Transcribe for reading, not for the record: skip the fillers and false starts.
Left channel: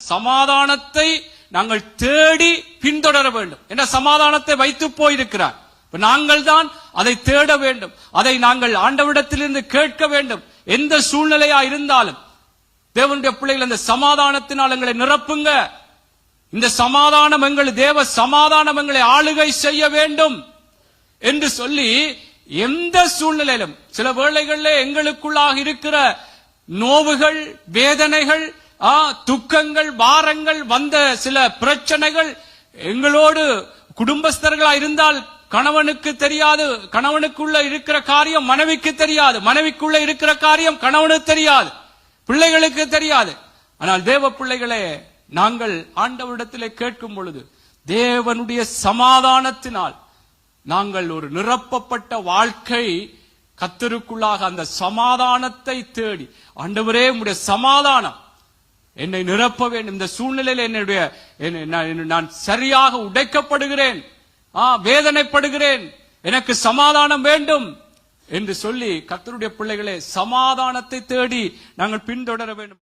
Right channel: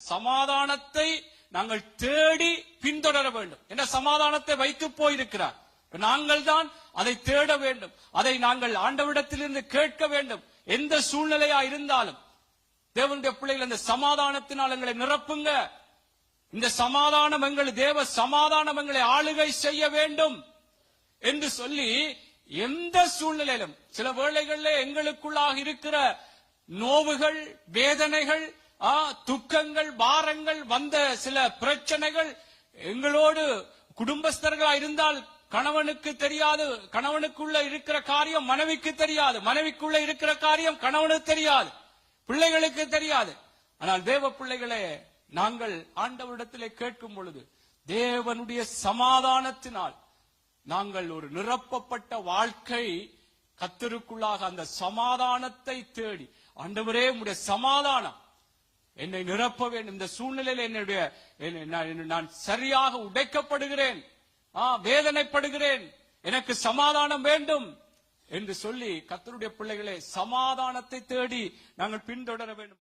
சமாதானத்தை நாங்கள் தேடி பின்தொடர வேண்டும் என்ற சமாதானத்தை வைத்து போயிருக்கிறார். நாங்கள் தான் அதை தேட வேண்டும், அதை நாங்கள் ஆண்டவரிடத்திலிருந்து கேட்க வேண்டும். எந்த சூழ்நிலையா இருந்தாலும் தேவனுடைய பிள்ளைகள் அந்த சமாதானத்தினால் எங்களை நிரப்புங்க. இந்த சமாதானம் எங்கள் தேவ சமாதானம் எங்களை ஆளுகை செய்ய வேண்டும் என்று சொல்லி எந்த சூழ்நிலையிலும் சில வேளைகளில் எங்களுக்குள்ளாக இருக்கிற நோவுகள், வேதனைகள், துக்கங்கள், பாரங்கள், வந்த சில பிரச்சனைகள் எங்களோடு குடும்பஸ்தர்களா இருந்தால் கணவனுக்கு தெரியாது, கணவனுக்குள்ள இருக்கிற காரியம் மனைவிக்கு தெரியாது, மனைவிக்குள்ள இருக்கிற காரியம் கணவனுக்கு தெரியாது, பிள்ளைகளுக்கு தெரியாது. ஆனால் தேவ பிள்ளைகளே, நாங்கள் ஆண்டவரிடத்திலே கேட்கும் பொழுது தேவனுடைய சமாதானத்தினால் நாங்கள் ஒரு நிரப்பப்பட்ட வாழ்க்கை கர்த்தருக்குள்ளாக அந்த சமாதானத்தை தேடி, ஆண்டவரே உம்முடைய சமாதானம் என்னை நிரப்ப வேண்டும், இந்த சூழ்நிலையில் நான் சரியாக உடைக்கப்படுகிறேன், வேதனைப்படுகிறேன், எனக்கு சமாதானம் வேண்டும் என்று சொல்லி கர்த்தருடைய பிள்ளைகளே சமாதானத்தை தேடி நாங்கள் பின்தொடர வேண்டும்.